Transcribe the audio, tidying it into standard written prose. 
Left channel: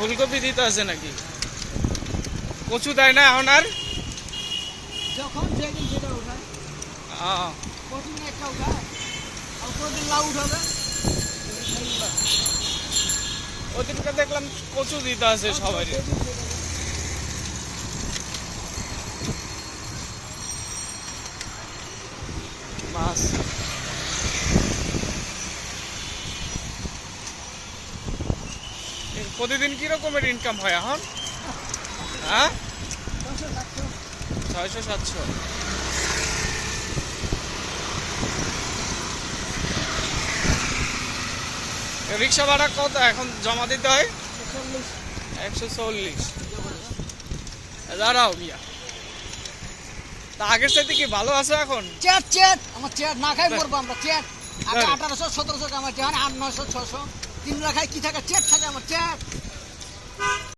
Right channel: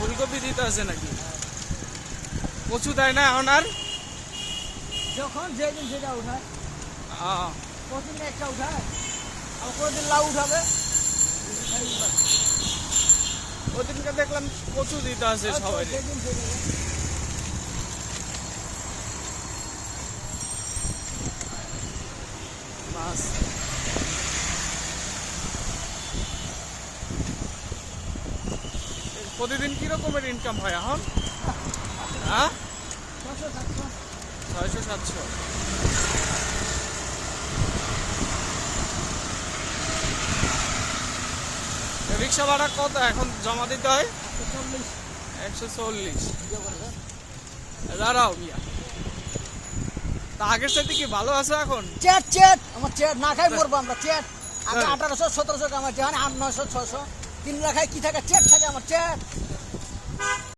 ফুলকপি দিতে আছে নাকি? কচু দেয় না এখন আর? যখন যেদিন সেটা উঠায়, আহ, প্রতিদিন একটা উঠায়, আর প্রতিদিন লাউ উঠাবে। ওদিনকে দেখলাম কচু দিতে আছে সবাই। মাছ প্রতিদিন কি রকমের ইনকাম হয় এখন? হ্যাঁ, 600-700। রিক্সা ভাড়া কত এখন জমা দিতে হয়? 140। দাঁড়াও মিয়া, তা আগের সাথে কি ভালো আছে এখন? চেট চেট আমার চেট না খাই মরবো আমরা। চেট আগে 1800-1700 কামাচ্ছি, 800-900-600 3 লাখ কি থাকে, চেট থাকে আমার চেট।